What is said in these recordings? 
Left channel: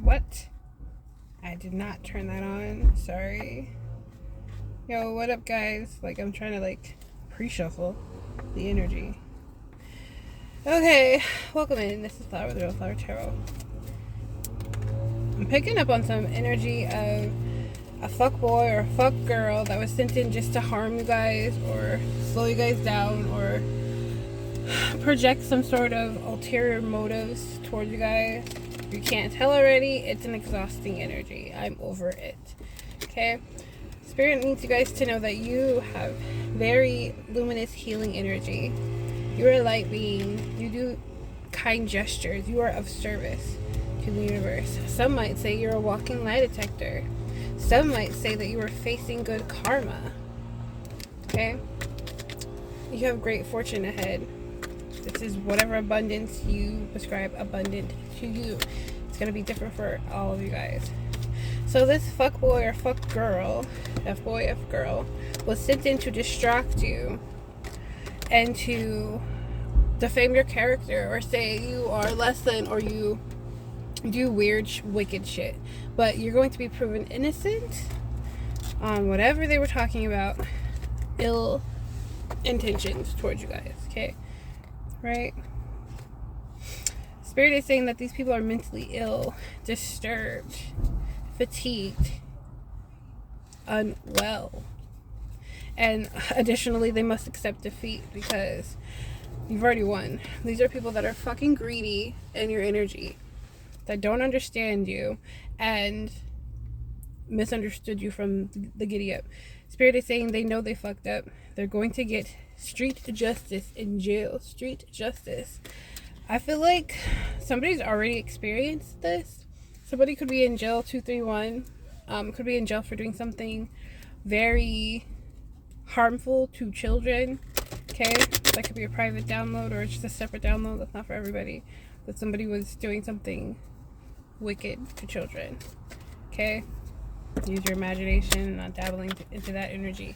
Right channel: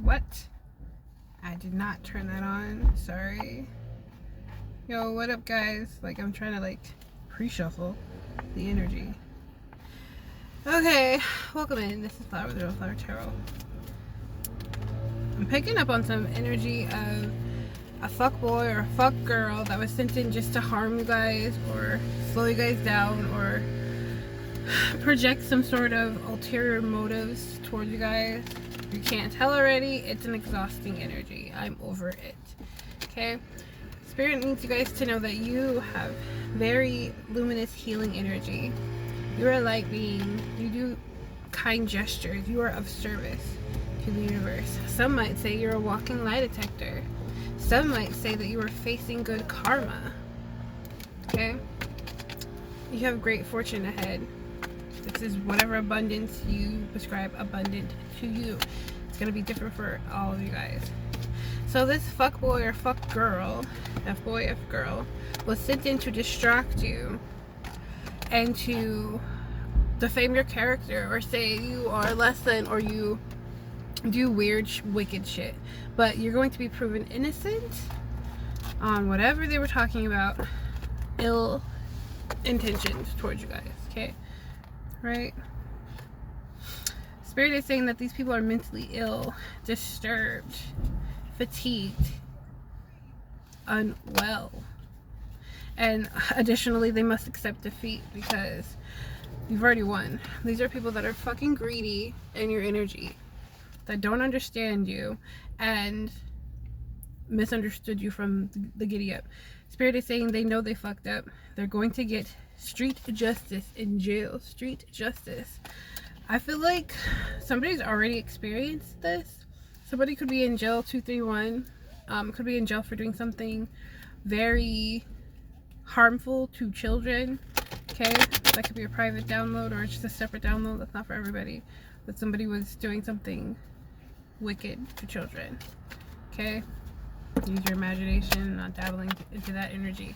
What? I did not turn that on. Sorry. Yo, what up, guys? Like, I'm trying to, like, pre-shuffle the energy. Okay, welcome in. This is Flower, the Real Flower Tarot. I'm picking up on some energy of a fuck boy or a fuck girl that was sent in just to harm you guys or slow you guys down or project some sort of ulterior motives towards you guys. If you can't tell already, it's an exhausting energy. I'm over it. Okay? Spirit needs you guys to know that you have very luminous healing energy. You're a light being. You do kind gestures. You are of service to the universe. Some might say you're a walking lie detector. Some might say that you are facing good karma. Okay? You have great fortune ahead. This is whatever abundance you prescribe abundant to you. It's going to be different for all of you guys. So this fuck boy or fuck girl, F boy, F girl, was sent in to distract you and to defame your character or say you are less than or you do weird, wicked shit. But you're going to be proven innocent on whatever they were talking about. Ill intentions towards you guys, okay? Right? Spirit is saying that these people are mentally ill, disturbed, fatigued, unwell. And additionally, they must accept defeat because you've already won. These are people that are fucking greedy in your energy, that don't understand you and misunderstood you from the giddy up. Spirit is saying they know they fucked up. They're going to get street justice in jail. Street justice. I feel like somebody's already experienced this. Somebody could be in jail 231. Could be in jail for doing something very harmful to children. Okay, that could be a private download or just a separate download. That's not for everybody. That somebody was doing something wicked to children. Okay, use your imagination, not dabbling into that energy.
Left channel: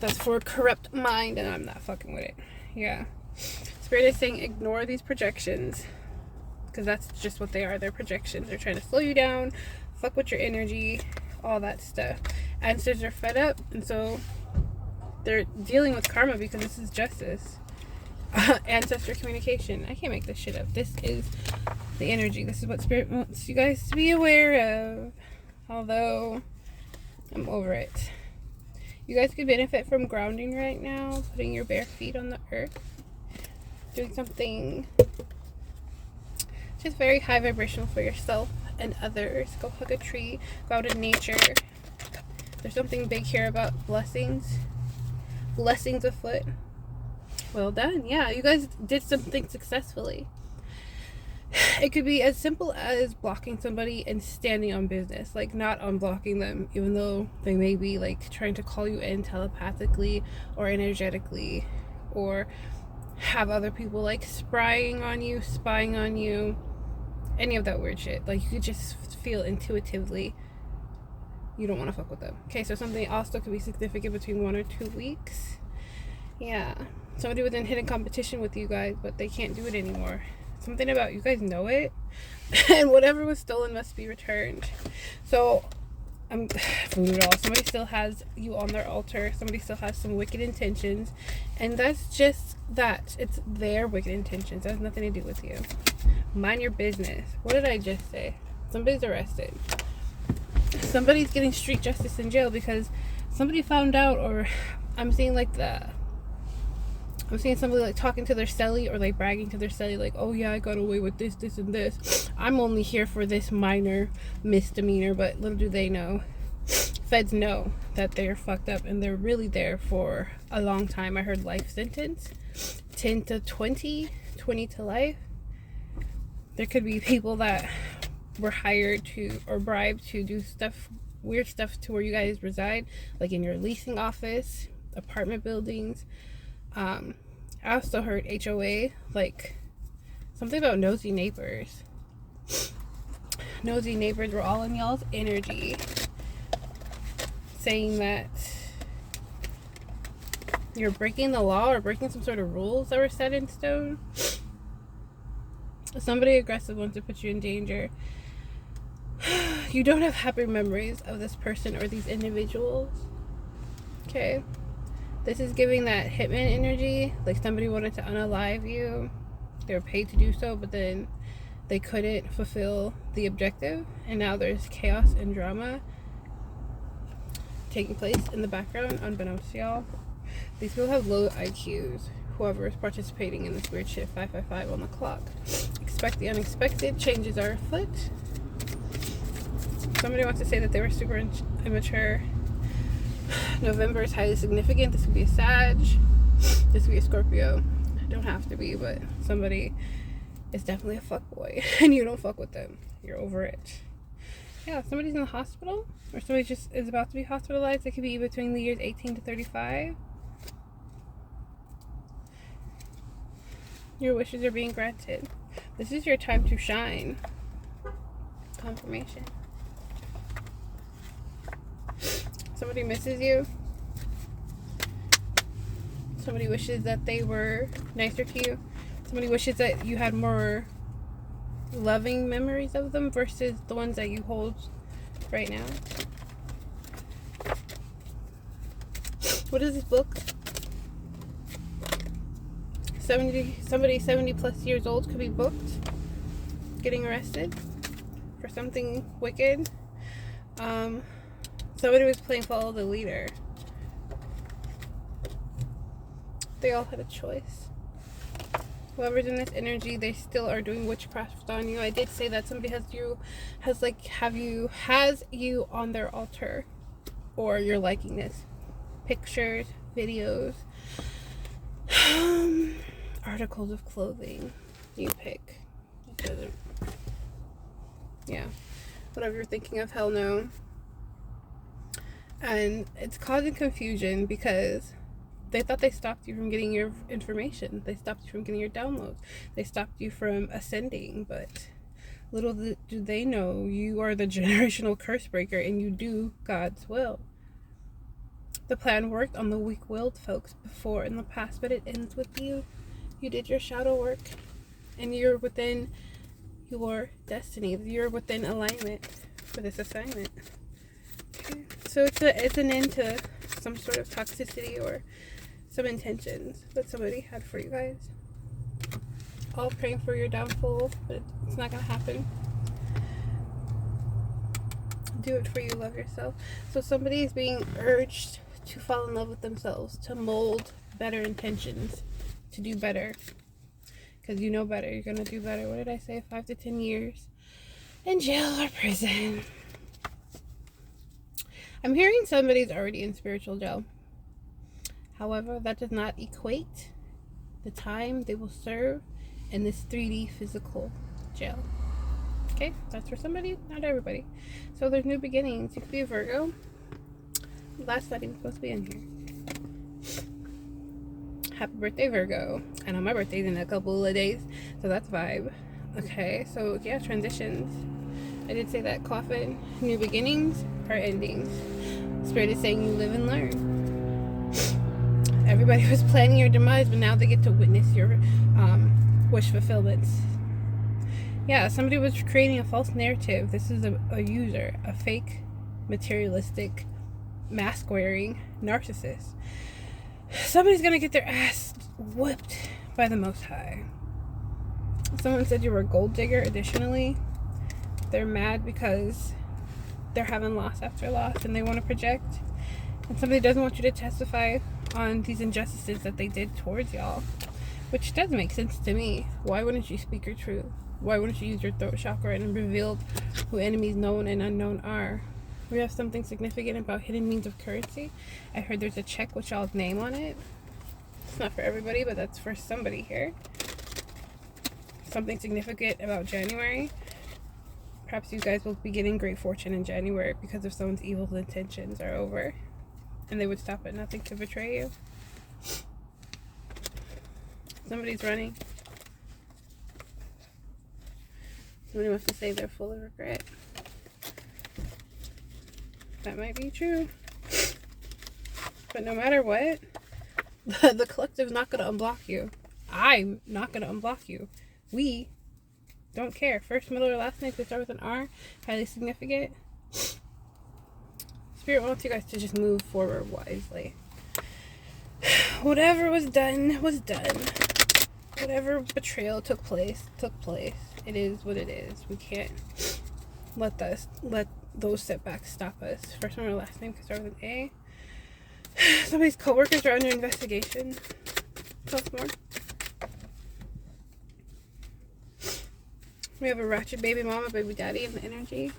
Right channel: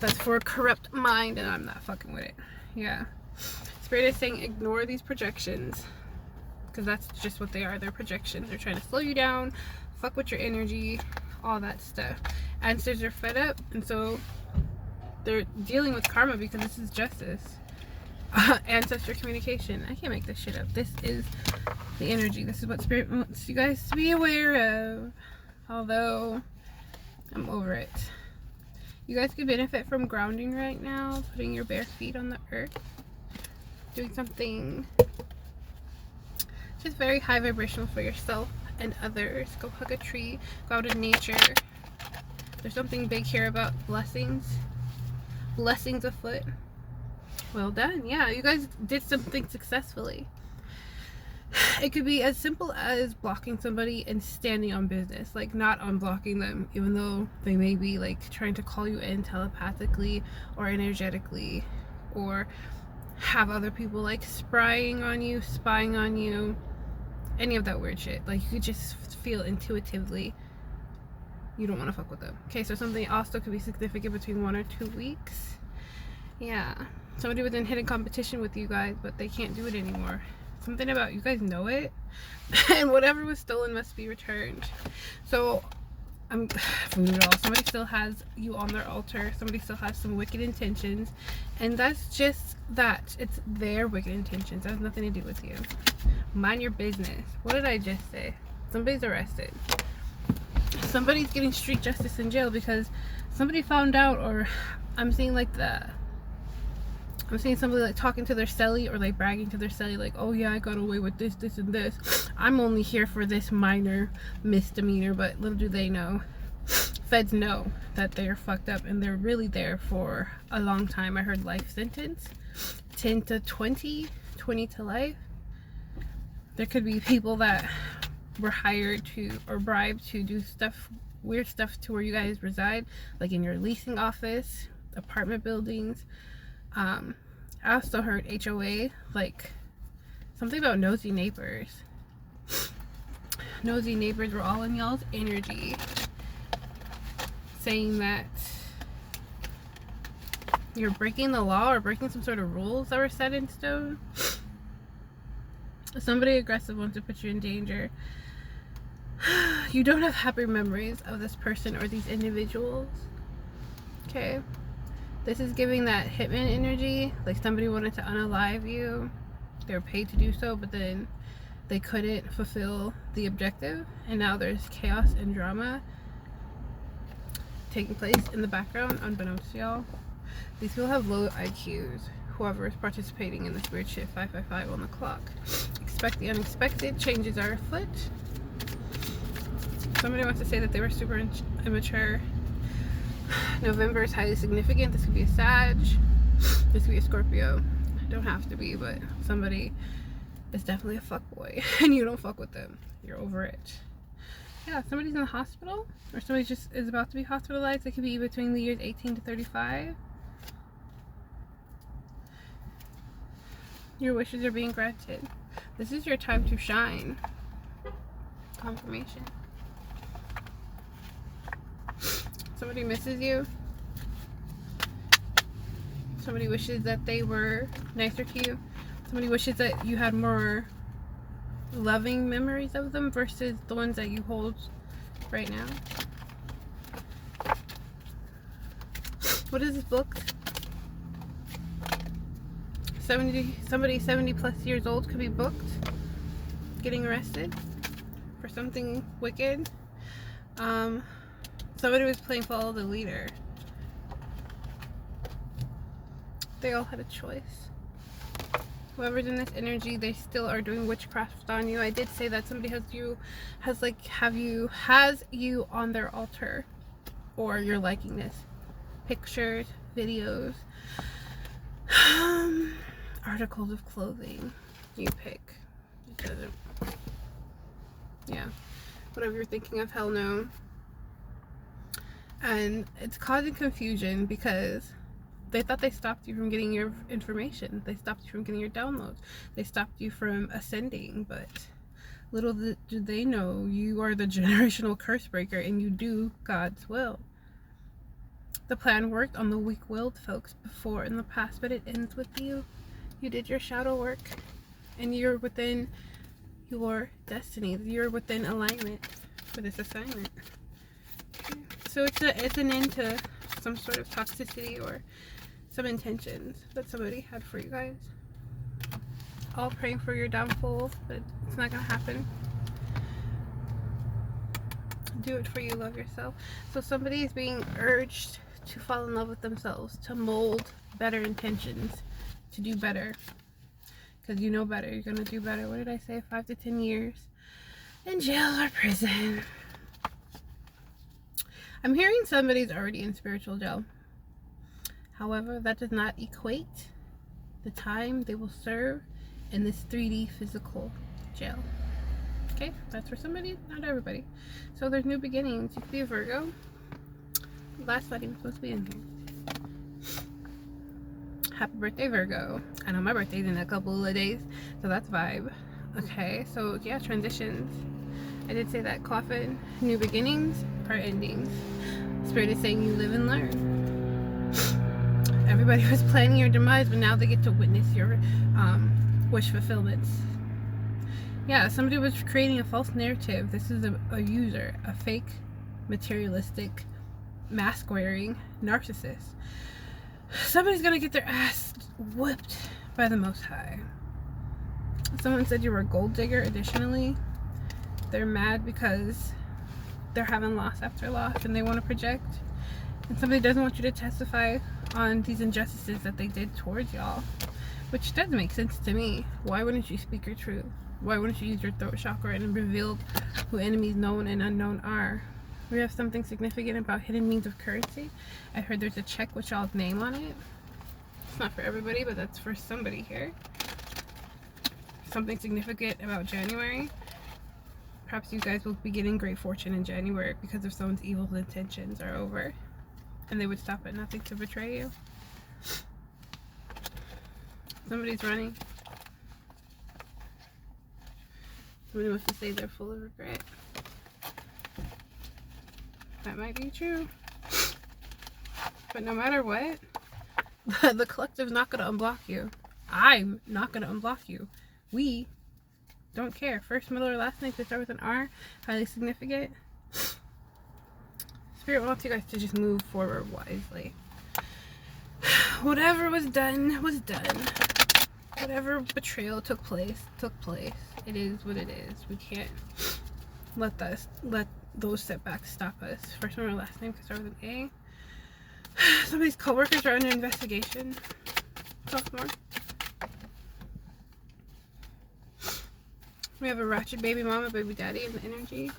That's for a corrupt mind, and I'm not fucking with it. Yeah, Spirit is saying ignore these projections because that's just what they are. They're projections. They're trying to slow you down, fuck with your energy, all that stuff. Ancestors are fed up, and so they're dealing with karma because this is justice. Ancestor communication. I can't make this shit up. This is the energy. This is what Spirit wants you guys to be aware of. Although, I'm over it. You guys could benefit from grounding right now. Putting your bare feet on the earth. Doing something just very high vibrational for yourself and others. Go hug a tree. Go out in nature. There's something big here about blessings. Blessings afoot. Well done. Yeah, you guys did something successfully. It could be as simple as blocking somebody and standing on business. Like, not unblocking them, even though they may be, like, trying to call you in telepathically or energetically. Or have other people, like, spying on you. Any of that weird shit. Like, you could just feel intuitively you don't want to fuck with them. Okay, so something also could be significant between 1 or 2 weeks. Yeah. Somebody was in hidden competition with you guys, but they can't do it anymore. Something about you guys know it. And whatever was stolen must be returned. So, I'm voodoo doll. Somebody still has you on their altar. Somebody still has some wicked intentions. And that's just that. It's their wicked intentions. It has nothing to do with you. Mind your business. What did I just say? Somebody's arrested. Somebody's getting street justice in jail because somebody found out, or I'm seeing somebody like talking to their celly or like bragging to their celly like, oh yeah, I got away with this, this, and this. I'm only here for this minor misdemeanor, but little do they know. Feds know that they're fucked up and they're really there for a long time. I heard life sentence, 10 to 20, 20 to life. There could be people that were hired to or bribed to do stuff, weird stuff to where you guys reside, like in your leasing office, apartment buildings. I also heard HOA, like something about nosy neighbors. Nosy neighbors were all in y'all's energy, saying that you're breaking the law or breaking some sort of rules that were set in stone. Somebody aggressive wants to put you in danger. You don't have happy memories of this person or these individuals. Okay? This is giving that hitman energy. Like somebody wanted to unalive you. They were paid to do so, but then they couldn't fulfill the objective. And now there's chaos and drama taking place in the background, unbeknownst to y'all. These people have low IQs. Whoever is participating in this weird shit, 555 on the clock. Expect the unexpected. Changes are afoot. Somebody wants to say that they were super immature. November is highly significant. This could be a Sag. This could be a Scorpio. Don't have to be, but somebody is definitely a fuckboy. And you don't fuck with them. You're over it. Yeah, somebody's in the hospital. Or somebody just is about to be hospitalized. It could be between the years 18 to 35. Your wishes are being granted. This is your time to shine. Confirmation. Somebody misses you. Somebody wishes that they were nicer to you. Somebody wishes that you had more loving memories of them versus the ones that you hold right now. What is this book? Somebody 70 plus years old could be booked, getting arrested for something wicked. Somebody was playing follow the leader. They all had a choice. Whoever's in this energy, they still are doing witchcraft on you. I did say that somebody has you on their altar, or you're liking this. Pictures, videos, articles of clothing. You pick. Yeah. Whatever you're thinking of, hell no. And it's causing confusion because they thought they stopped you from getting your information. They stopped you from getting your downloads. They stopped you from ascending. But little do they know, you are the generational curse breaker and you do God's will. The plan worked on the weak-willed folks before in the past, but it ends with you. You did your shadow work and you're within your destiny. You're within alignment for this assignment. Okay. So it's an end to some sort of toxicity or some intentions that somebody had for you guys. All praying for your downfall, but it's not gonna happen. Do it for you, love yourself. So somebody is being urged to fall in love with themselves, to mold better intentions, to do better. Because you know better, you're gonna do better. What did I say? 5 to 10 years in jail or prison. I'm hearing somebody's already in spiritual jail. However, that does not equate the time they will serve in this 3D physical jail. Okay, that's for somebody, not everybody. So there's new beginnings. You could be a Virgo. Last not even supposed to be in here. Happy birthday, Virgo. I know my birthday's in a couple of days, so that's vibe. Okay, so yeah, transitions. I did say that coffin. New beginnings are endings. Spirit is saying you live and learn. Everybody was planning your demise, but now they get to witness your wish fulfillments. Yeah, somebody was creating a false narrative. This is a user, a fake, materialistic, mask-wearing narcissist. Somebody's gonna get their ass whipped by the Most High. Someone said you were a gold digger. Additionally, they're mad because they're having loss after loss and they want to project. And somebody doesn't want you to testify on these injustices that they did towards y'all. Which does make sense to me. Why wouldn't you speak your truth? Why wouldn't you use your throat chakra and reveal who enemies known and unknown are? We have something significant about hidden means of currency. I heard there's a check with y'all's name on it. It's not for everybody, but that's for somebody here. Something significant about January. Perhaps you guys will be getting great fortune in January because of someone's evil intentions are over. And they would stop at nothing to betray you. Somebody's running. Somebody wants to say they're full of regret. That might be true. But no matter what, the collective's not going to unblock you. I'm not going to unblock you. We Don't care. First, middle, or last name could start with an R. Highly significant. Spirit wants you guys to just move forward wisely. Whatever was done was done. Whatever betrayal took place took place. It is what it is. We can't let those setbacks stop us. First name or last name could start with an A. Somebody's coworkers are under investigation. Talk more. We have a ratchet baby mama, baby daddy in the energy.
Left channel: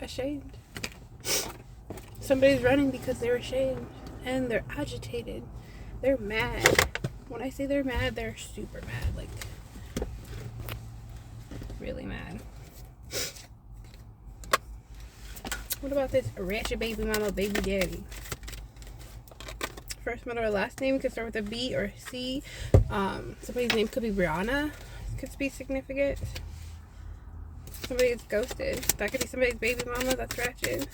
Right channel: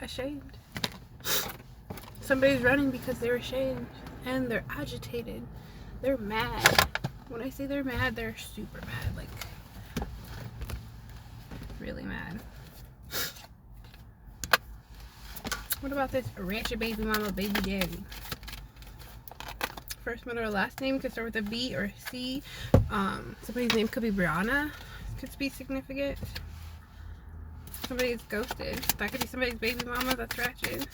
Ashamed. Somebody's running because they're ashamed and they're agitated. They're mad. When I say they're mad, they're super mad. Like, really mad. What about this ratchet baby mama, baby daddy? First, middle, or last name could start with a B or C. Somebody's name could be Brianna. Could be significant. Somebody's ghosted. That could be somebody's baby mama. That's ratchet.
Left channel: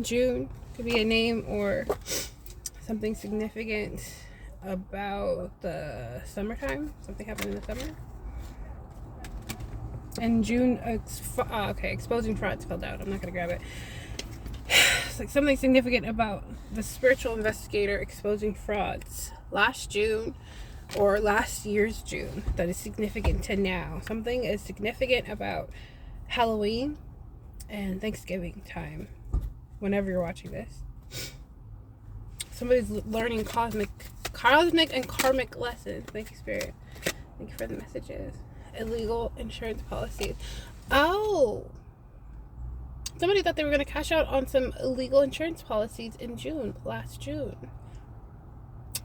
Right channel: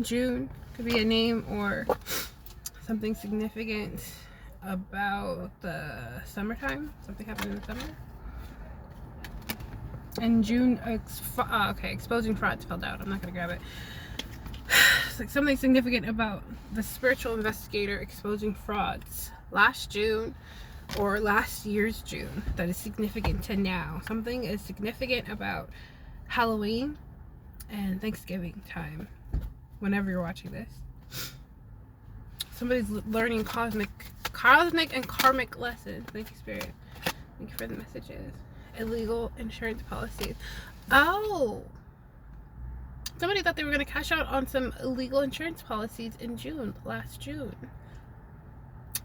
June could be a name or something significant about the summertime. Something happened in the summer. And June, exposing frauds fell out. I'm not gonna grab it. It's like something significant about the spiritual investigator exposing frauds last June or last year's June that is significant to now. Something is significant about Halloween and Thanksgiving time whenever you're watching this. Somebody's learning cosmic and karmic lessons. Thank you, Spirit. Thank you for the messages. Illegal insurance policies. Oh, somebody thought they were going to cash out on some illegal insurance policies in last June.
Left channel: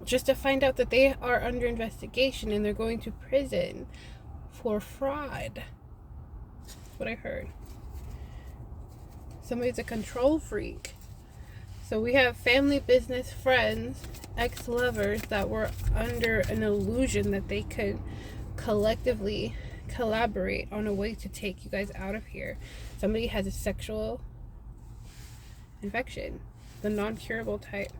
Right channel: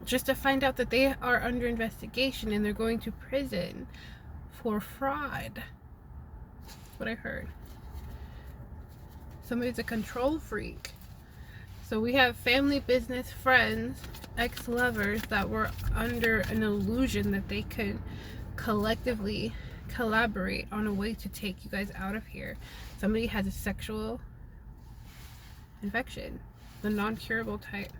Just to find out that they are under investigation and they're going to prison for fraud. That's what I heard. Somebody's a control freak. So we have family, business, friends, ex-lovers that were under an illusion that they could collectively collaborate on a way to take you guys out of here. Somebody has a sexual infection, the non-curable type.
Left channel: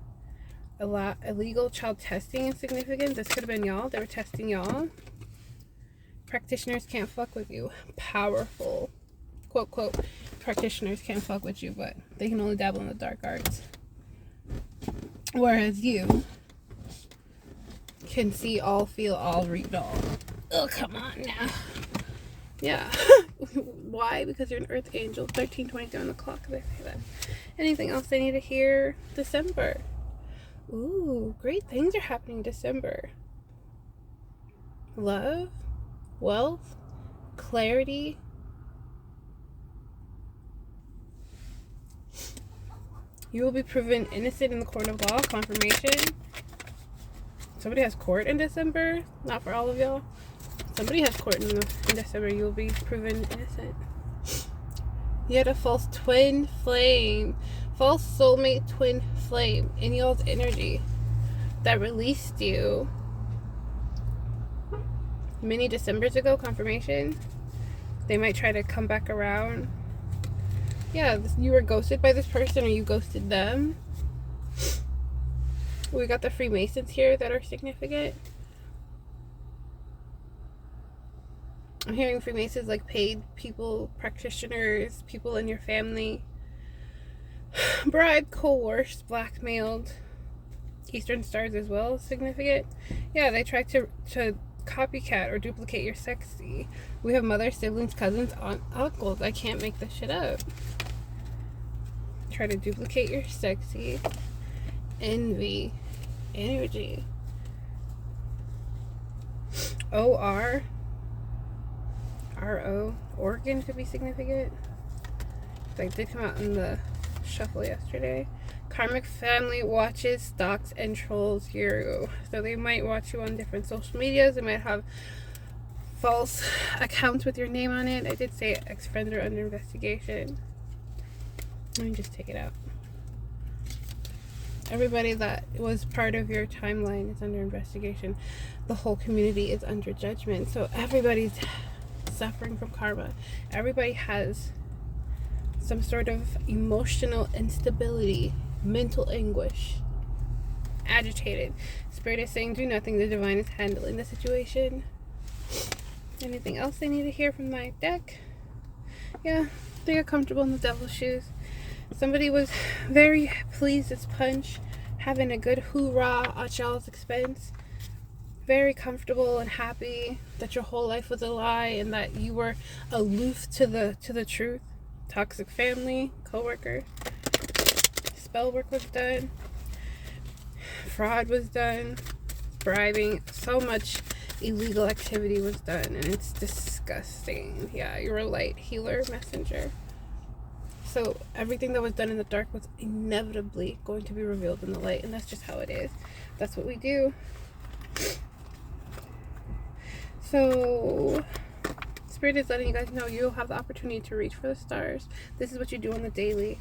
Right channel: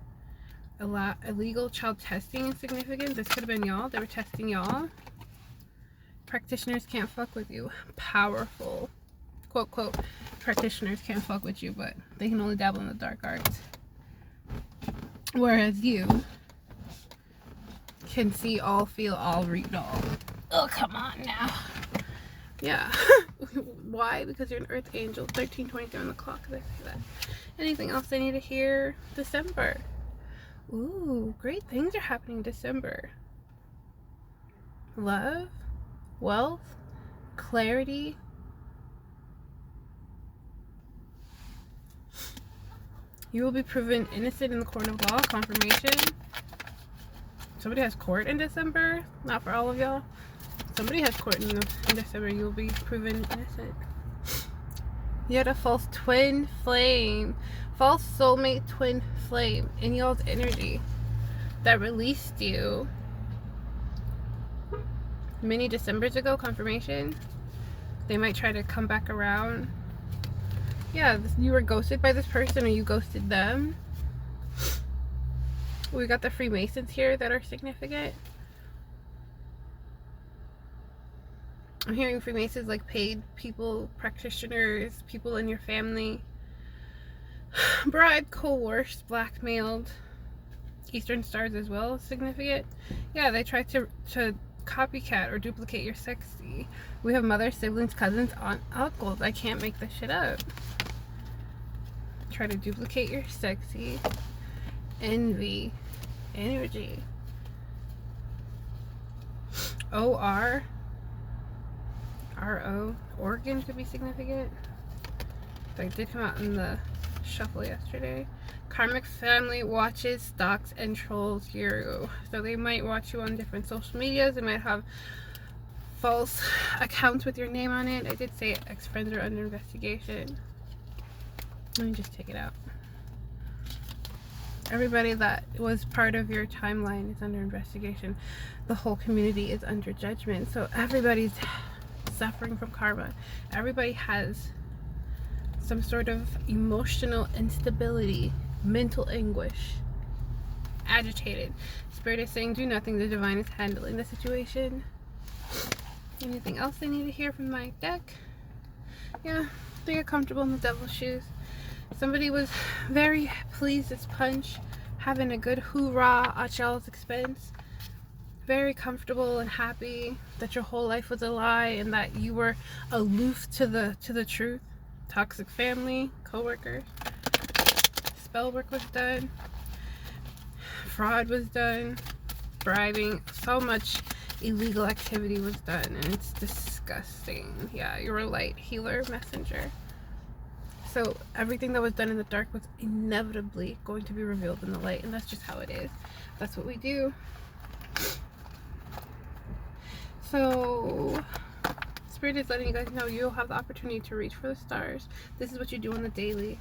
Illegal child testing is significant. This could have been y'all. They were testing y'all. Practitioners can't fuck with you. Powerful. Quote, quote, practitioners can't fuck with you, but they can only dabble in the dark arts. Whereas you can see all, feel all, read all. Oh, come on now. Yeah. Why? Because you're an earth angel. 13:23 on the clock. They say that. Anything else I need to hear? December. Ooh, great things are happening in December. Love, wealth, clarity. You will be proven innocent in the court of law. Confirmation. Somebody has court in December. Not for all of y'all. Somebody has court in December. You will be proven innocent. You had a false twin flame. False soulmate twin flame in y'all's energy that released you many Decembers ago. Confirmation. They might try to come back around. Yeah, you were ghosted by this person or you ghosted them. We got the Freemasons here that are significant. I'm hearing Freemasons like paid people, practitioners, people in your family. Bribed, coerced, blackmailed. Eastern stars as well, significant. Yeah, they tried to copycat or duplicate your sexy. We have mother, siblings, cousins, aunt, uncles. I can't make this shit up. Try to duplicate your sexy. Envy. Energy. O-R. R-O. Organ could be significant. They did come out in the shuffle yesterday. Karmic family watches, stalks, and trolls you. So they might watch you on different social medias. They might have false accounts with your name on it. I did say ex-friends are under investigation. Let me just take it out. Everybody that was part of your timeline is under investigation. The whole community is under judgment. So everybody's suffering from karma. Everybody has some sort of emotional instability, mental anguish, agitated. Spirit is saying do nothing. The divine is handling the situation. Anything else they need to hear from my deck? Yeah, they got comfortable in the devil's shoes. Somebody was very pleased as punch, having a good hoorah at y'all's expense. Very comfortable and happy that your whole life was a lie and that you were aloof to the truth. Toxic family, co-workers. Spell work was done. Fraud was done. Bribing. So much illegal activity was done, and it's disgusting. Yeah, you're a light healer messenger. So everything that was done in the dark was inevitably going to be revealed in the light, and that's just how it is. That's what we do. So Spirit is letting you guys know you'll have the opportunity to reach for the stars. This is what you do on the daily.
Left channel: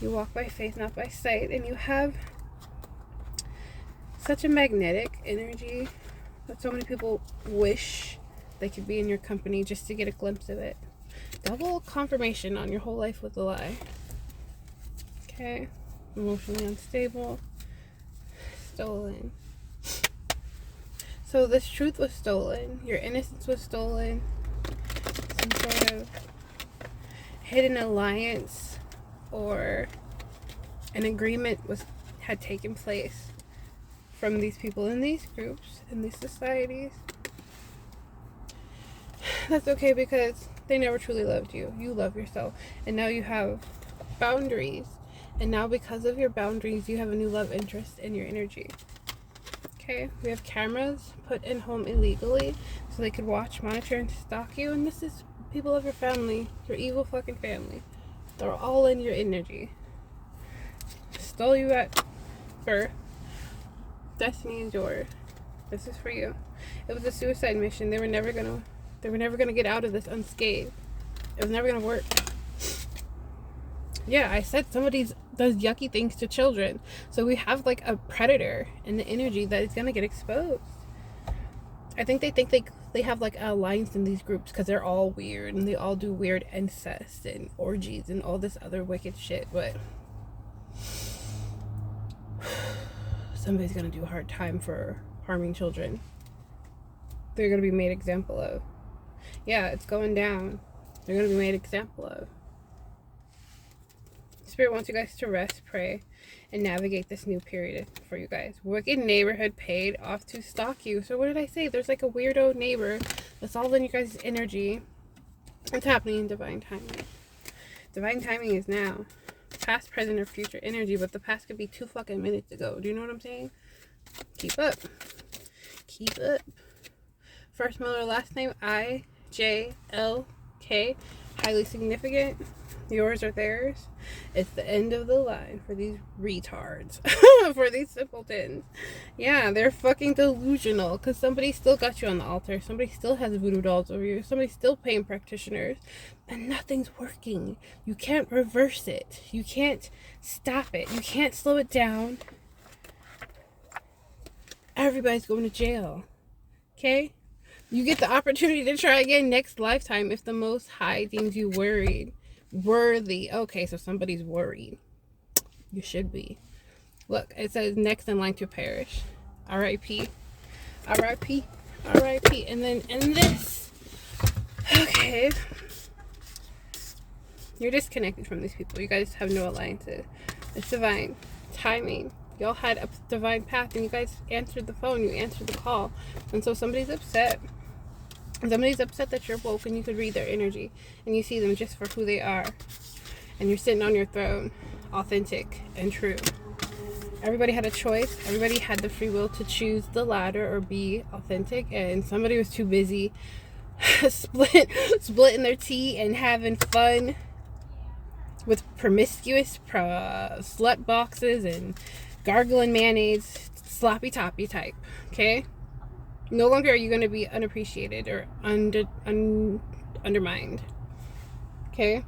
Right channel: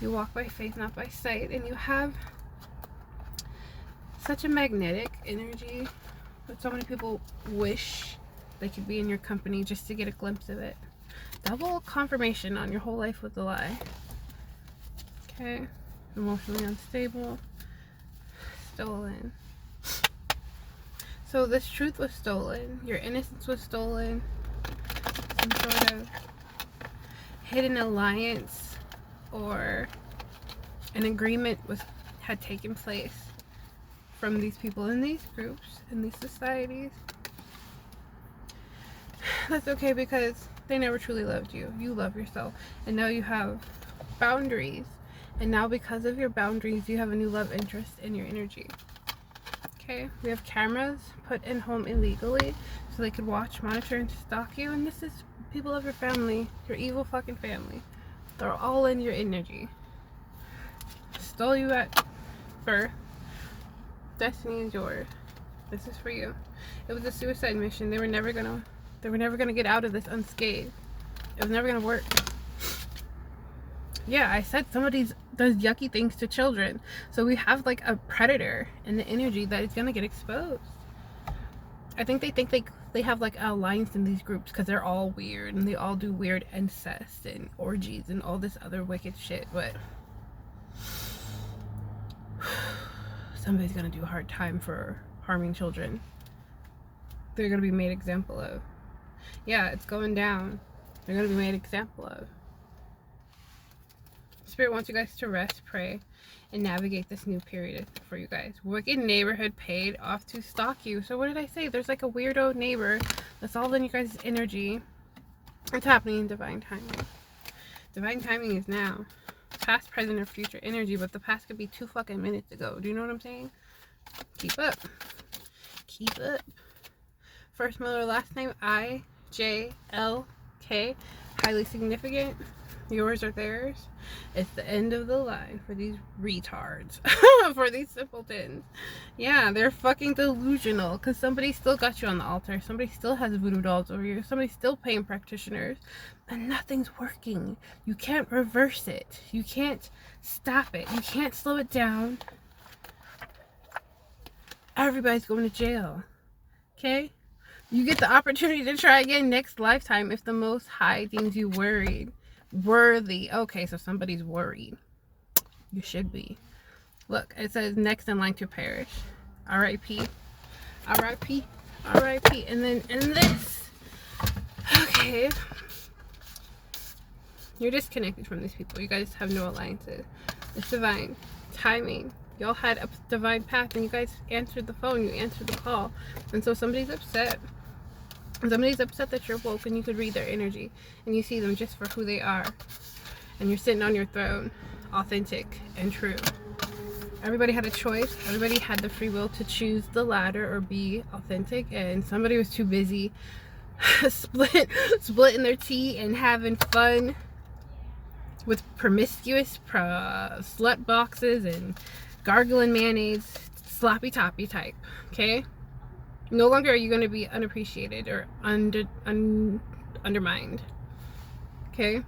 You walk by faith, not by sight, and you have such a magnetic energy that so many people wish they could be in your company just to get a glimpse of it. Double confirmation on your whole life was a lie. Okay. Emotionally unstable. Stolen. So this truth was stolen. Your innocence was stolen. Some sort of hidden alliance or an agreement had taken place from these people in these groups, in these societies. That's okay because they never truly loved you. You love yourself. And now you have boundaries. And now because of your boundaries, you have a new love interest in your energy. Okay? We have cameras put in home illegally so they could watch, monitor, and stalk you. And this is people of your family, your evil fucking family. They're all in your energy. Stole you at birth. Destiny is yours. This is for you. It was a suicide mission. They were never gonna get out of this unscathed. It was never gonna work. Yeah, I said somebody does yucky things to children. So we have like a predator in the energy that is gonna get exposed. I think they have like a alliance in these groups because they're all weird and they all do weird incest and orgies and all this other wicked shit, but somebody's gonna do a hard time for harming children. They're gonna be made example of. Yeah, it's going down. They're gonna be made example of. Spirit wants you guys to rest, pray, and navigate this new period for you guys. Wicked neighborhood paid off to stalk you. So what did I say? There's like a weirdo neighbor that's all in you guys' energy. It's happening in divine timing. Divine timing is now. Past, present, or future energy, but the past could be 2 fucking minutes ago. Do you know what I'm saying? Keep up. Keep up. First, middle, or last name, IJLK. Highly significant. Yours or theirs. It's the end of the line for these retards. For these simpletons. Yeah, they're fucking delusional because somebody still got you on the altar. Somebody still has voodoo dolls over you. Somebody's still paying practitioners. And nothing's working. You can't reverse it. You can't stop it. You can't slow it down. Everybody's going to jail. Okay? You get the opportunity to try again next lifetime if the Most High deems you worthy. Okay, so somebody's worried. You should be. Look, it says next in line to perish. R.I.P. R.I.P. R.I.P. And then in this. Okay. You're disconnected from these people. You guys have no alliances. It's divine timing. Y'all had a divine path and you guys answered the phone. You answered the call. And so somebody's upset. Somebody's upset that you're woke and you could read their energy and you see them just for who they are. And you're sitting on your throne, authentic and true. Everybody had a choice. Everybody had the free will to choose the latter or be authentic. And somebody was too busy splitting their tea and having fun with promiscuous slut boxes and gargling mayonnaise, sloppy toppy type. Okay? No longer are you going to be unappreciated or undermined. Okay?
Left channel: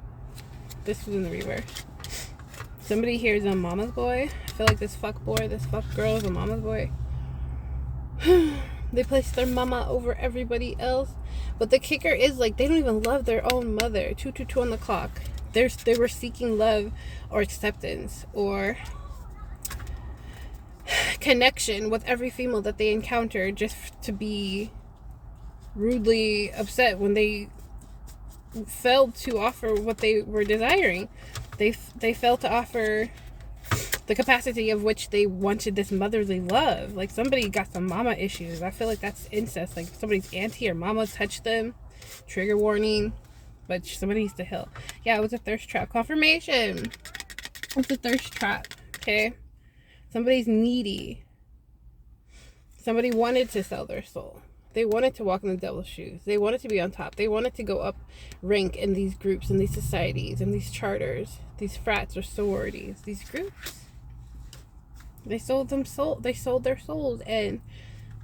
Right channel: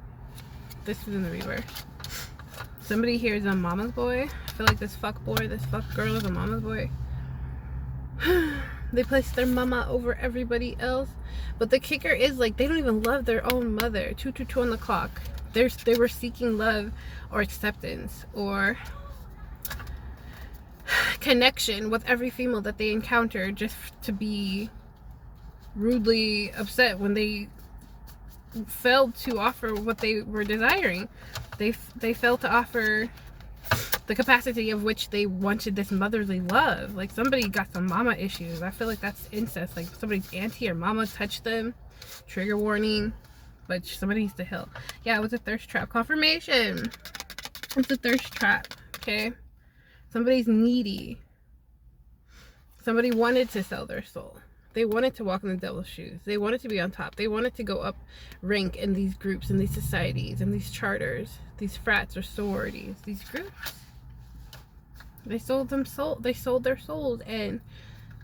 This is in the reverse. Somebody here is a mama's boy. I feel like this fuck boy, this fuck girl is a mama's boy. They place their mama over everybody else. But the kicker is, like, they don't even love their own mother. 222 on the clock. they were seeking love or acceptance or connection with every female that they encountered, just to be rudely upset when they failed to offer what they were desiring. They failed to offer the capacity of which they wanted this motherly love. Like, somebody got some mama issues. I feel like that's incest. Like, somebody's auntie or mama touched them. Trigger warning. But somebody needs to heal. Yeah, it was a thirst trap. Confirmation. It's a thirst trap. Okay? Somebody's needy. Somebody wanted to sell their soul. They wanted to walk in the devil's shoes. They wanted to be on top. They wanted to go up rank in these groups, in these societies, in these charters, these frats or sororities, these groups. They sold their souls, and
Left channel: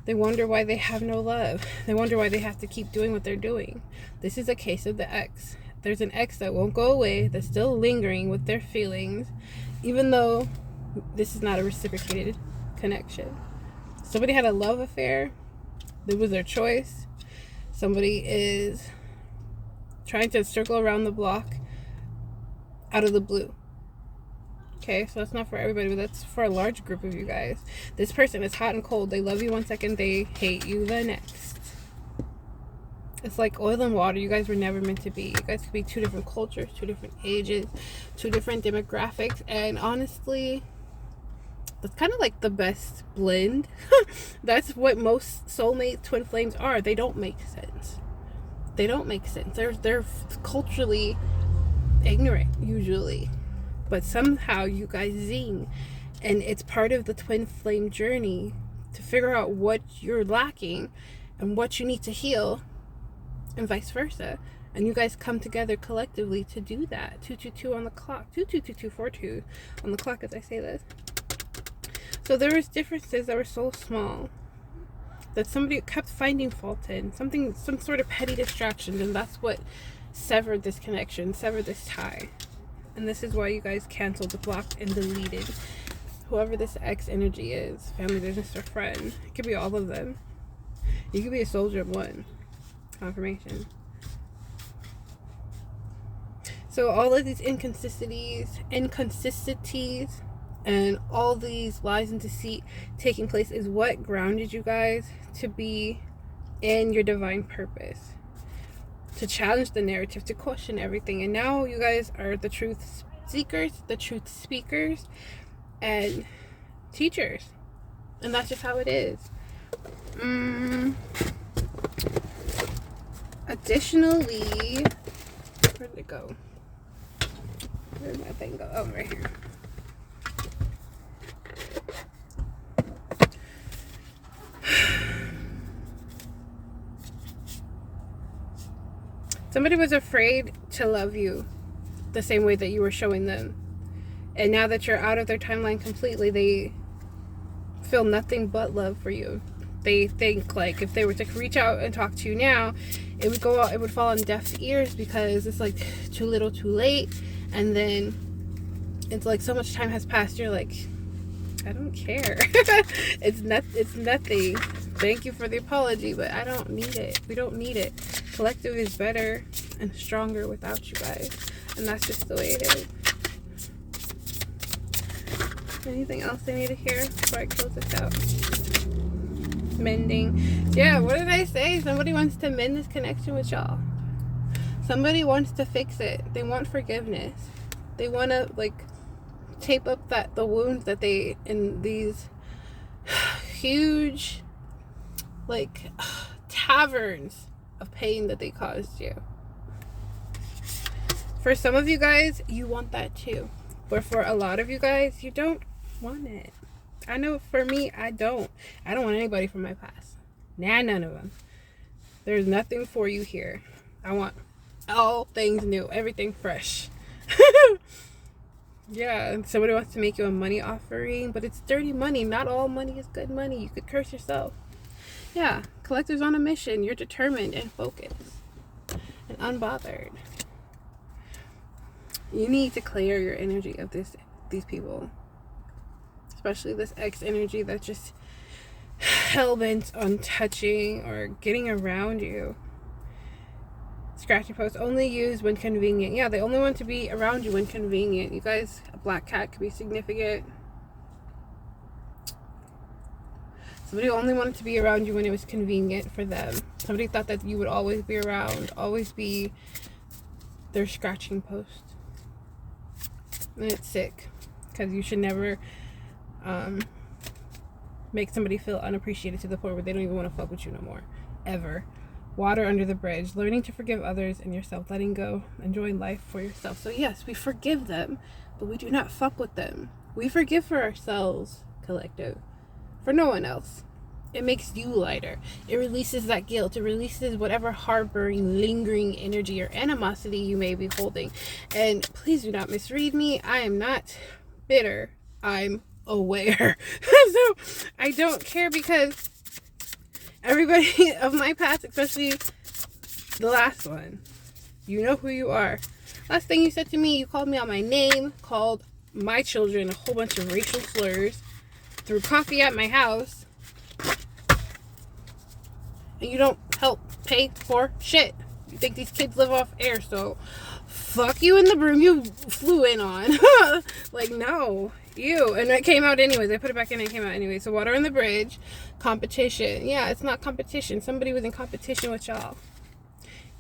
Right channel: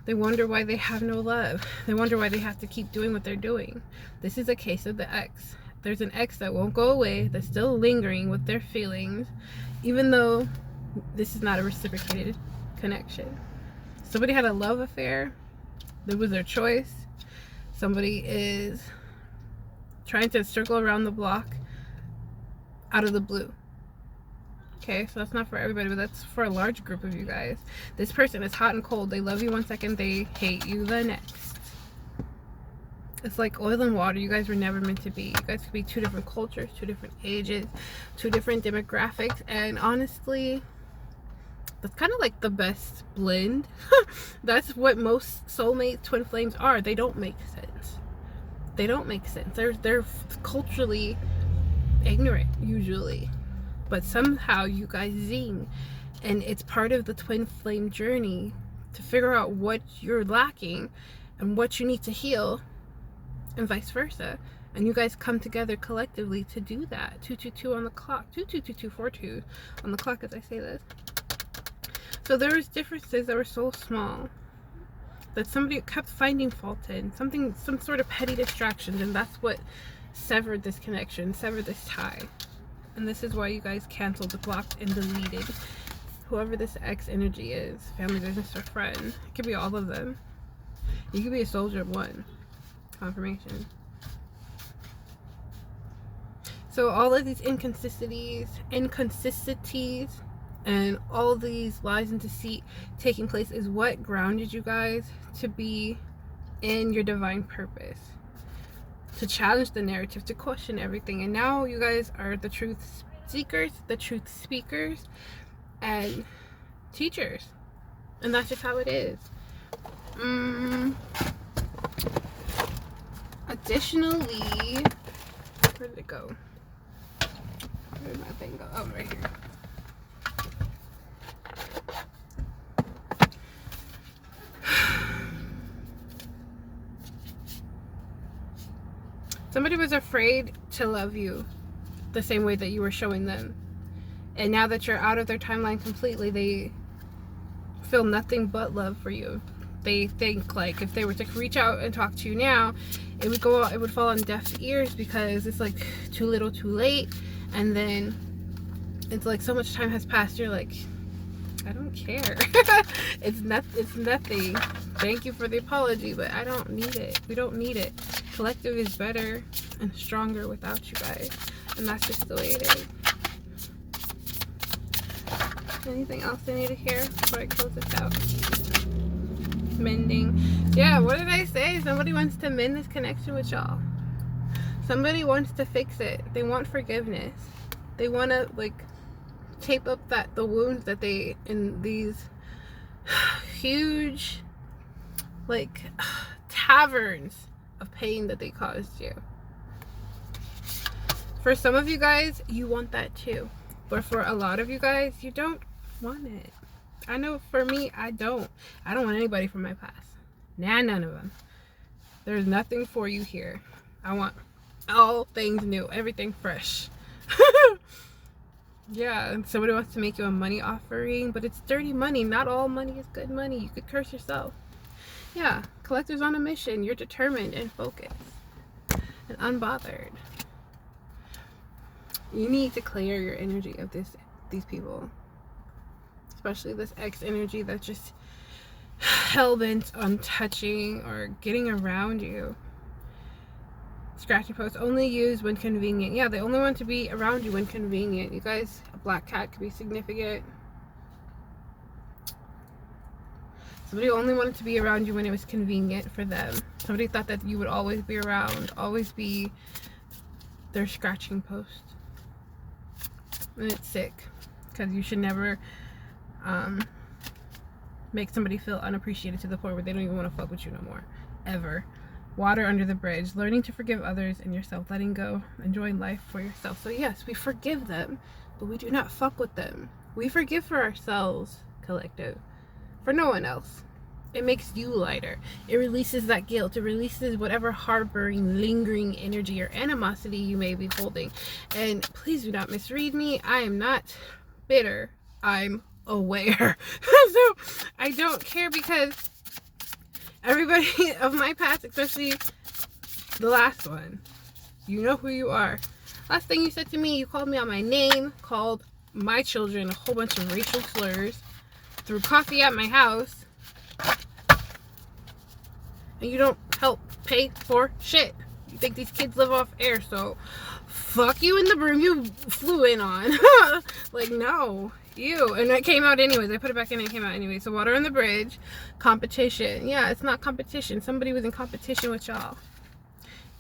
they wonder why they have no love. They wonder why they have to keep doing what they're doing. This is a case of the ex. There's an ex that won't go away, that's still lingering with their feelings, even though this is not a reciprocated connection. Somebody had a love affair. It was their choice. Somebody is trying to circle around the block out of the blue. Okay, so that's not for everybody, but that's for a large group of you guys. This person is hot and cold. They love you one second, they hate you the next. It's like oil and water. You guys were never meant to be. You guys could be two different cultures, two different ages, two different demographics, and honestly, that's kind of like the best blend. That's what most soulmate twin flames are. They don't make sense. They don't make sense. They're culturally ignorant usually, but somehow you guys zing, and it's part of the twin flame journey to figure out what you're lacking and what you need to heal, and vice versa. And you guys come together collectively to do that. 222 on the clock. 222242 on the clock as I say this. So there was differences that were so small that somebody kept finding fault in. Some sort of petty distractions, and that's what severed this connection, severed this tie. And this is why you guys canceled, blocked, and deleted whoever this ex energy is. Family, business, or friend. It could be all of them. You could be a soldier of one. Confirmation. So all of these inconsistencies, and all these lies and deceit taking place is what grounded you guys to be in your divine purpose, to challenge the narrative, to question everything. And now you guys are the truth seekers, the truth speakers, and teachers. And that's just how it is. Additionally, where did it go? Where did my thing go? Oh, right here. Somebody was afraid to love you the same way that you were showing them. And now that you're out of their timeline completely, they feel nothing but love for you. They think like if they were to reach out and talk to you now, it would fall on deaf ears because it's like too little too late. And then it's like so much time has passed, you're like, I don't care. It's nothing. Thank you for the apology, but I don't need it. We don't need it. Collective is better and stronger without you guys. And that's just the way it is. Anything else I need to hear before I close this out? Mending. Yeah, what did I say? Somebody wants to mend this connection with y'all. Somebody wants to fix it. They want forgiveness. They want to like tape up the wounds that they in these huge like taverns of pain that they caused you. For some of you guys, you want that too. But for a lot of you guys, you don't want it. I know for me, I don't want anybody from my past. Nah, none of them. There's nothing for you here. I want all things new, everything fresh. Yeah, and somebody wants to make you a money offering, but it's dirty money. Not all money is good money. You could curse yourself. Yeah, collector's on a mission. You're determined and focused and unbothered. You need to clear your energy of these people, especially this ex energy that's just hell-bent on touching or getting around you. It's scratching post. Only used when convenient. Yeah, they only want to be around you when convenient. You guys, a black cat could be significant. Somebody only wanted to be around you when it was convenient for them. Somebody thought that you would always be around, always be their scratching post. And it's sick, because you should never make somebody feel unappreciated to the point where they don't even want to fuck with you no more, ever. Water under the bridge. Learning to forgive others and yourself. Letting go. Enjoying life for yourself. So yes, we forgive them, but we do not fuck with them. We forgive for ourselves, collective. For no one else. It makes you lighter. It releases that guilt. It releases whatever harboring, lingering energy or animosity you may be holding. And please do not misread me. I am not bitter. I'm aware. So I don't care, because everybody of my past, especially the last one, you know who you are. Last thing you said to me, you called me out my name, called my children a whole bunch of racial slurs, threw coffee at my house, and you don't help pay for shit. You think these kids live off air, so fuck you in the broom you flew in on. Like, no. Ew. And it came out anyways. I put it back in and it came out anyways. So water on the bridge. Competition. Yeah, it's not competition. Somebody was in competition with y'all.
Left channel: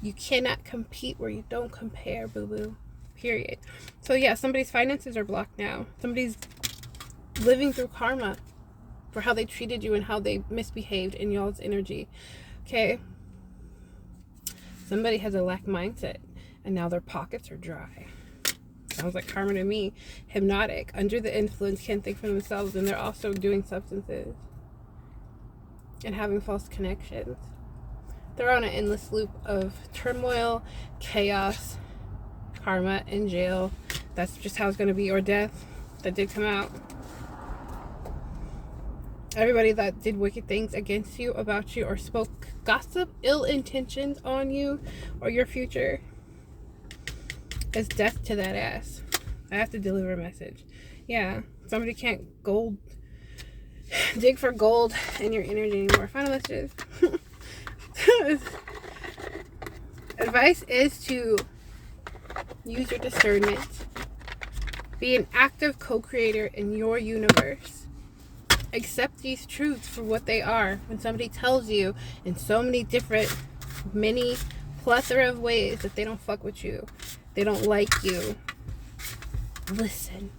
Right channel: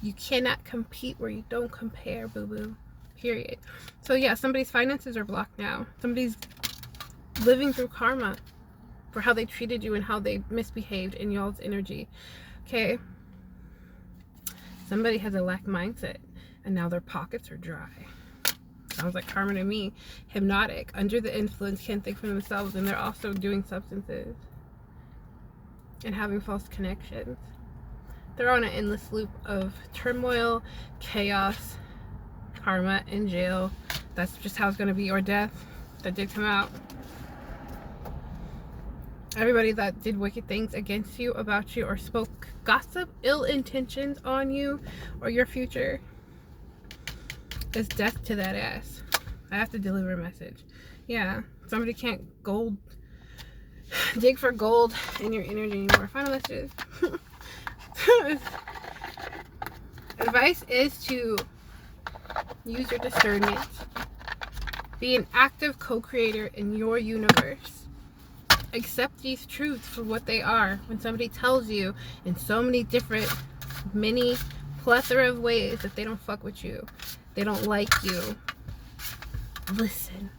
You cannot compete where you don't compare, boo-boo. Period. So yeah, somebody's finances are blocked now. Somebody's living through karma for how they treated you and how they misbehaved in y'all's energy. Okay? Somebody has a lack mindset and now their pockets are dry. Sounds like karma to me. Hypnotic, under the influence, can't think for themselves, and they're also doing substances and having false connections. They're on an endless loop of turmoil, chaos, karma, and jail. That's just how it's going to be, or death. That did come out. Everybody that did wicked things against you, about you, or spoke gossip, ill intentions on you or your future, is death to that ass. I have to deliver a message. Yeah, somebody can't dig for gold in your energy anymore. Final messages. Advice is to use your discernment. Be an active co-creator in your universe. Accept these truths for what they are. When somebody tells you in so many different, many plethora of ways that they don't fuck with you, they don't like you, listen.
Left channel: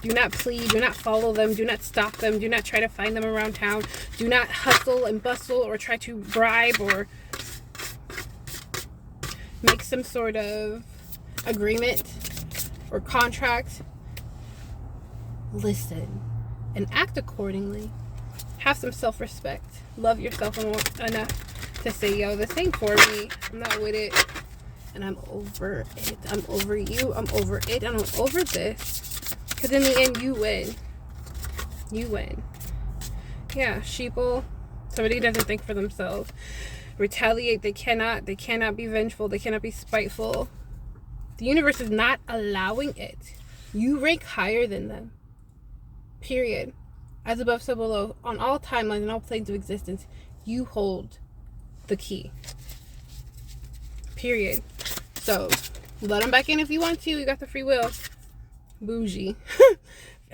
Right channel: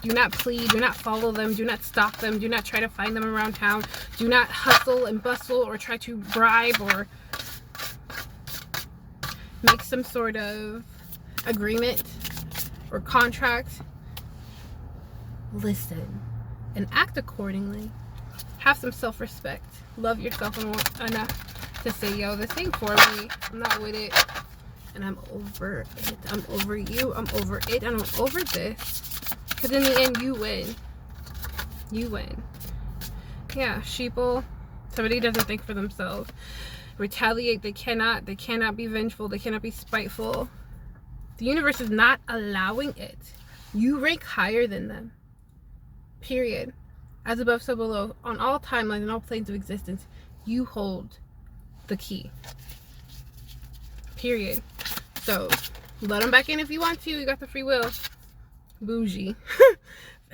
Do not plead. Do not follow them. Do not stalk them. Do not try to find them around town. Do not hustle and bustle or try to bribe or make some sort of agreement or contract. Listen and act accordingly. Have some self-respect. Love yourself enough to say, yo, this ain't for me. I'm not with it. And I'm over it. I'm over you. I'm over it. And I'm over this. Because in the end, you win. You win. Yeah, sheeple. Somebody doesn't think for themselves. Retaliate. They cannot be vengeful. They cannot be spiteful. The universe is not allowing it. You rank higher than them. Period. As above, so below. On all timelines and all planes of existence, you hold the key. Period. So, let them back in if you want to. You got the free will. Bougie.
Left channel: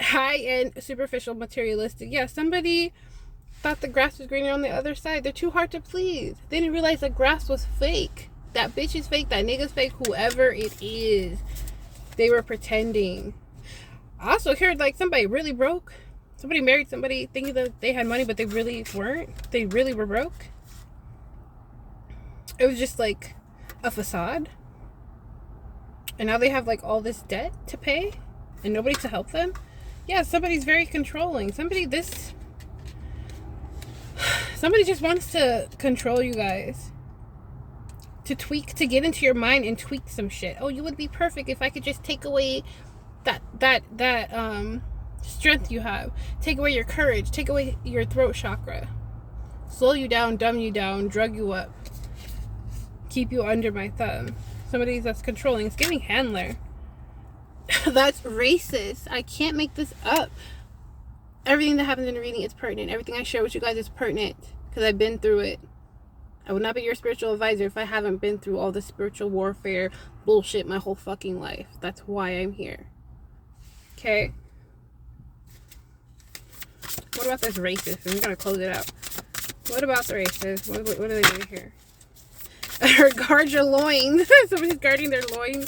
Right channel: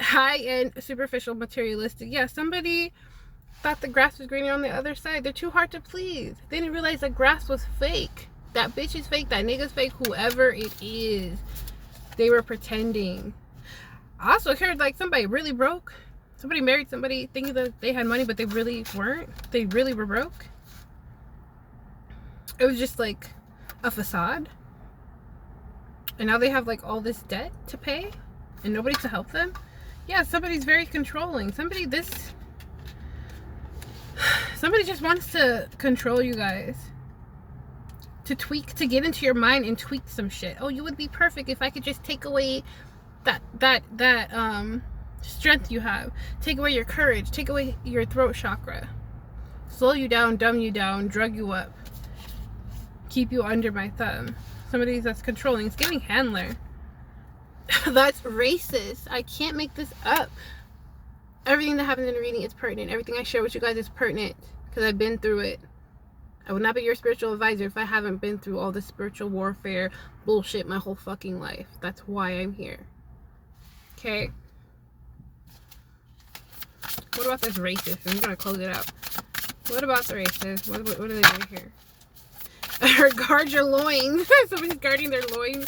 High-end, superficial, materialistic. Yeah, somebody thought the grass was greener on the other side. They're too hard to please. They didn't realize the grass was fake. That bitch is fake. That nigga's fake. Whoever it is. They were pretending. I also heard like somebody really broke. Somebody married somebody thinking that they had money, but they really weren't. They really were broke. It was just like a facade. And now they have like all this debt to pay and nobody to help them. Yeah, somebody's very controlling. Somebody just wants to control you guys. To get into your mind and tweak some shit. Oh, you would be perfect if I could just take away that strength you have. Take away your courage. Take away your throat chakra. Slow you down, dumb you down, drug you up. Keep you under my thumb. Somebody that's controlling. It's giving handler. That's racist. I can't make this up. Everything that happens in the reading is pertinent. Everything I share with you guys is pertinent because I've been through it. I would not be your spiritual advisor if I haven't been through all this spiritual warfare bullshit my whole fucking life. That's why I'm here. Okay? What about this racist? I'm gonna close it out. What about the racist? What are they doing here? Guard your loins. Somebody's guarding their loins.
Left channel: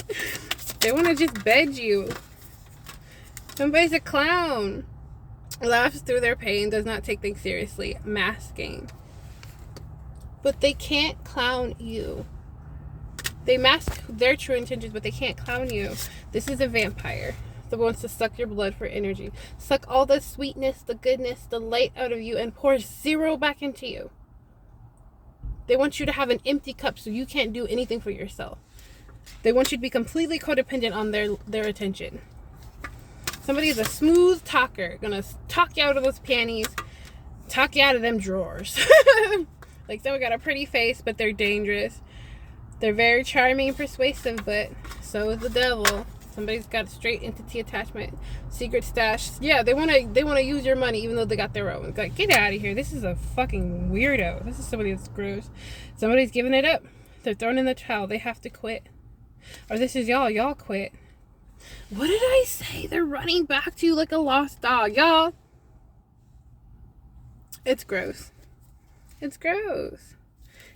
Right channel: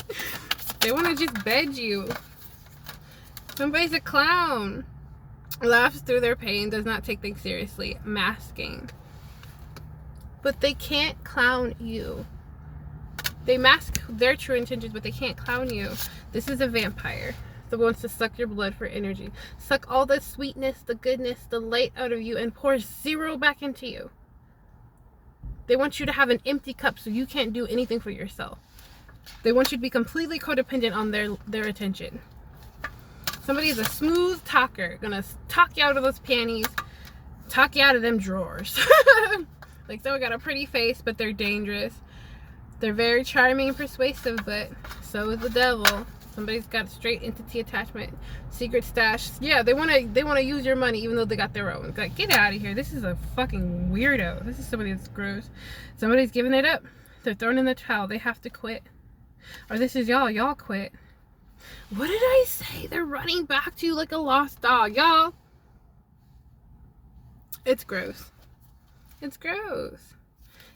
They want to just bed you. Somebody's a clown. Laughs through their pain, does not take things seriously. Masking. But they can't clown you. They mask their true intentions, but they can't clown you. This is a vampire that wants to suck your blood for energy. Suck all the sweetness, the goodness, the light out of you and pour zero back into you. They want you to have an empty cup so you can't do anything for yourself. They want you to be completely codependent on their attention. Somebody's a smooth talker, gonna talk you out of those panties, talk you out of them drawers. Like, someone got a pretty face, but they're dangerous. They're very charming and persuasive, but so is the devil. Somebody's got straight entity attachment, secret stash. Yeah, they wanna use your money even though they got their own. Like, get out of here. This is a fucking weirdo. This is somebody that's gross. Somebody's giving it up. They're thrown in the towel. They have to quit. Or this is y'all. Y'all quit. What did I say? They're running back to you like a lost dog, y'all. It's gross. It's gross.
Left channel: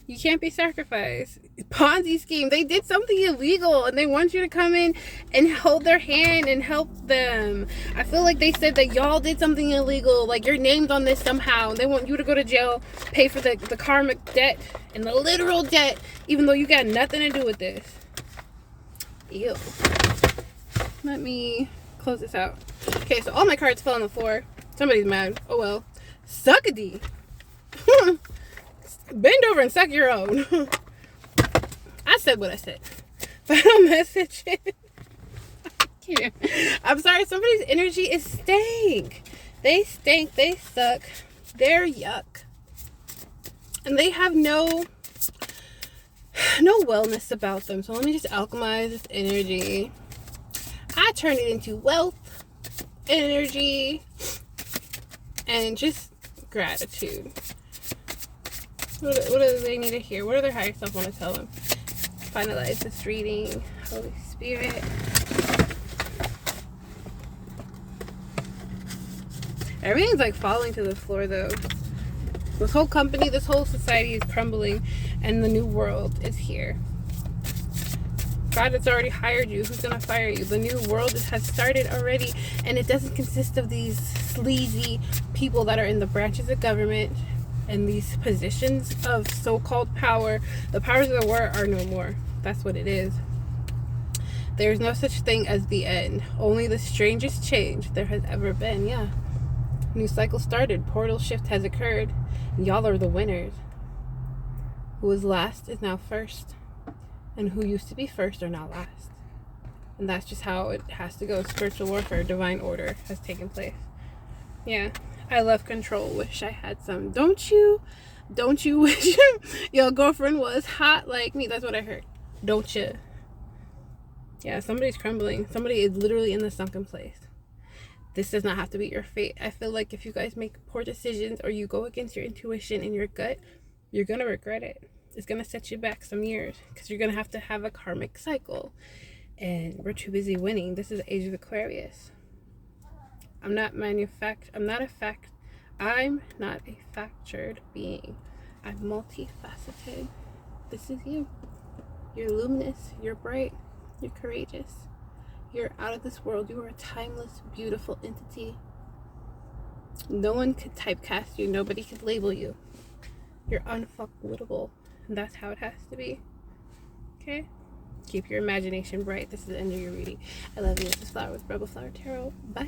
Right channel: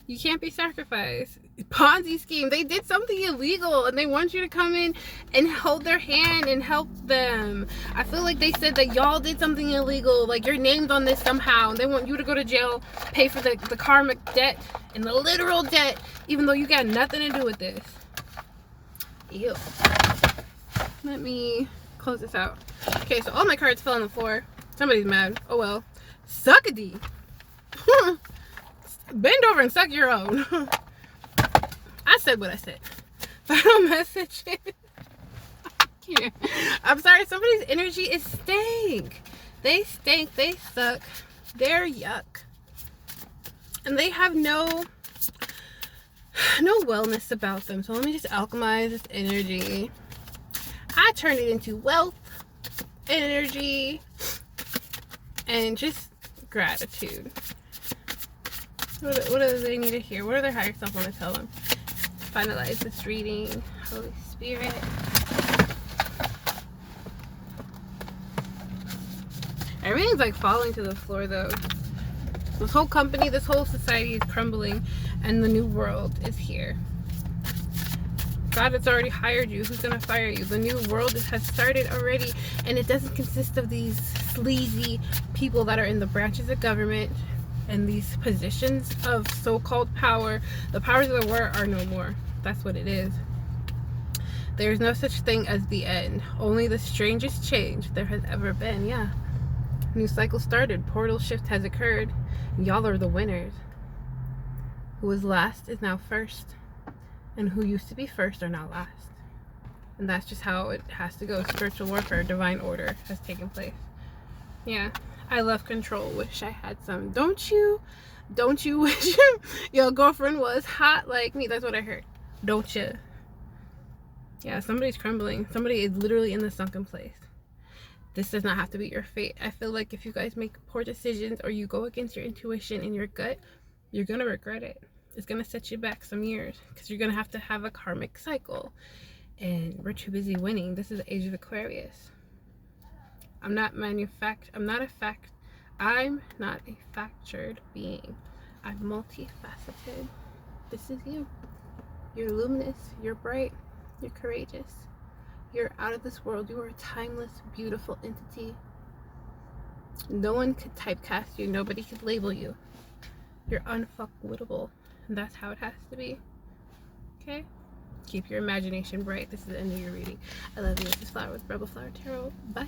You can't be sacrificed. Ponzi scheme. They did something illegal and they want you to come in and hold their hand and help them. I feel like they said that y'all did something illegal. Like, you're named on this somehow. And they want you to go to jail, pay for the karmic debt and the literal debt, even though you got nothing to do with this. Ew. Let me close this out. Okay, so all my cards fell on the floor. Somebody's mad. Oh well. Suck a D. Bend over and suck your own. I said what I said. Final message. I'm sorry, somebody's energy is stank. They stink, they suck, they're yuck. And they have no wellness about them. So let me just alchemize this energy. I turn it into wealth, energy, and just gratitude. What do they need to hear? What do their higher self want to tell them? Finalize this reading. Holy Spirit. Everything's like falling to the floor though. This whole company, this whole society is crumbling and the new world is here. God has already hired you. Who's going to fire you? The new world has started already, and it doesn't consist of these sleazy people that are in the branches of government and these positions of so-called power. The powers of the world are no more. That's what it is. There's no such thing as the end. Only the strangest change there has ever been. Yeah. New cycle started. Portal shift has occurred. Y'all are the winners. Who was last is now first. And who used to be first are now last. And that's just how it has to go. Spiritual warfare, divine order has taken place. Yeah. I love control. Wish I had some. Don't you? Don't you wish your girlfriend was hot like me? That's what I heard. Don't you? Yeah, somebody's crumbling. Somebody is literally in the sunken place. This does not have to be your fate. I feel like if you guys make poor decisions or you go against your intuition and your gut, you're going to regret it. It's going to set you back some years because you're going to have a karmic cycle. And we're too busy winning. This is the age of Aquarius. I'm not a factured being. I'm multifaceted. This is you. You're luminous. You're bright. You're courageous. You're out of this world. You are a timeless, beautiful entity. No one could typecast you. Nobody could label you. You're unfuckwittable. And that's how it has to be. Okay? Keep your imagination bright. This is the end of your reading. I love you. This is Flower with Rebel Flower Tarot. Bye.